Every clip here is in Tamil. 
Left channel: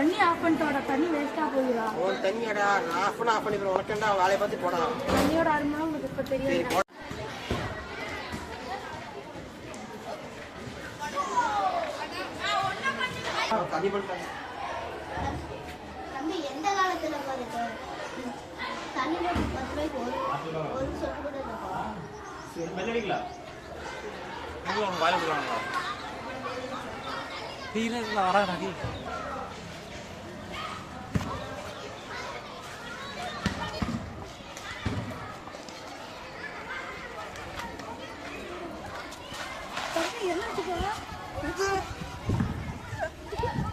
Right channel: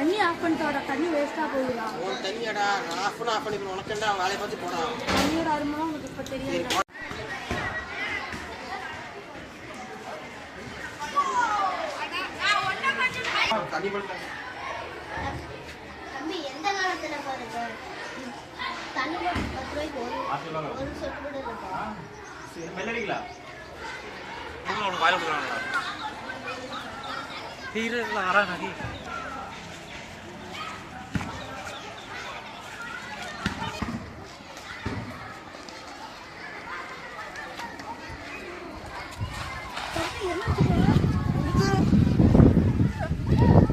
தண்ணி ஆஃப் பண்ணிட்டு தண்ணி வேஸ்டா போகுதா? ஒரு தண்ணியடா ஆஃப் பண்ணி உனக்குண்டா வேலையை பார்த்து போடா. தண்ணியோட அருமை உங்களுக்கு இப்ப தெரியாது. தம்பி எந்த காலத்துல பாருங்க தண்ணி ஒரு சொட்டு கூட இருக்கா? மெல்லடிங்களா உங்களுக்கு வாயில போடுவாங்க. ஹீரோல ஆறானடி தம்பி என்னாச்சுப்பா?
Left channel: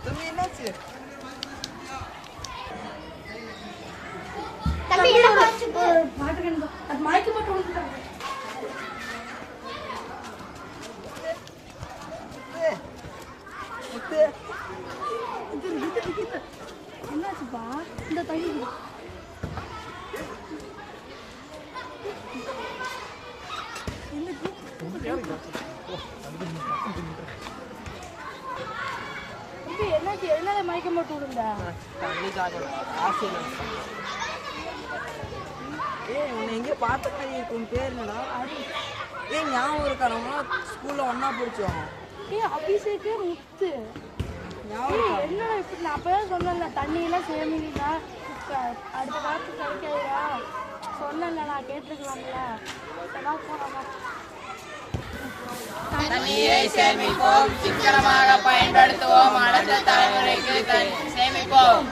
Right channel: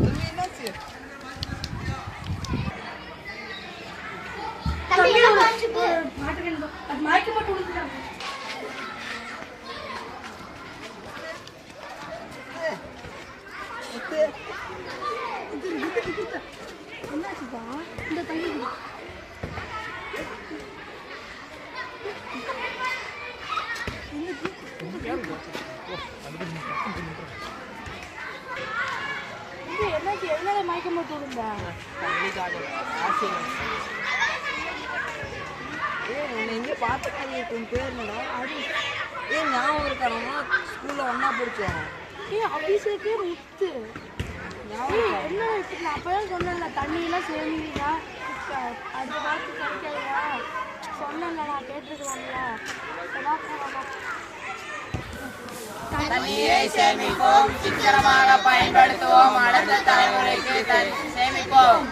தம்பி என்ன ஆச்சு? பாட்டு வேணும். அது மயக்க போட்டு விழுந்துட்டாங்க. என்னாச்சுப்பா? இந்த தண்ணி என்னாச்சு? எதனால மயக்கம் போட்டு விழுந்த? தண்ணி தாகம் ஆசை. உன்னை எங்கே பார்த்த மாதிரி இருக்கும். பேர் என்னடா? ஞாபகம் இருக்கா? நம்ம ஸ்கூலில் ஒன்றா படித்தோம். அபிஷேக்கே முத்து ஞாபகம் என்ன நான் அப்பதான் சொன்னேன்ல தண்ணியெல்லாம் சேமிங்களா அடுத்த காலத்துக்கு கிடைக்காதா சொன்னேன்ல நான் கேட்டுருக்கோம்ல தண்ணீரை சேமிப்போம், சிக்கனமாக பயன்படுத்துவோம், அடுத்த தலைமுறைக்கு சேமிப்போம்.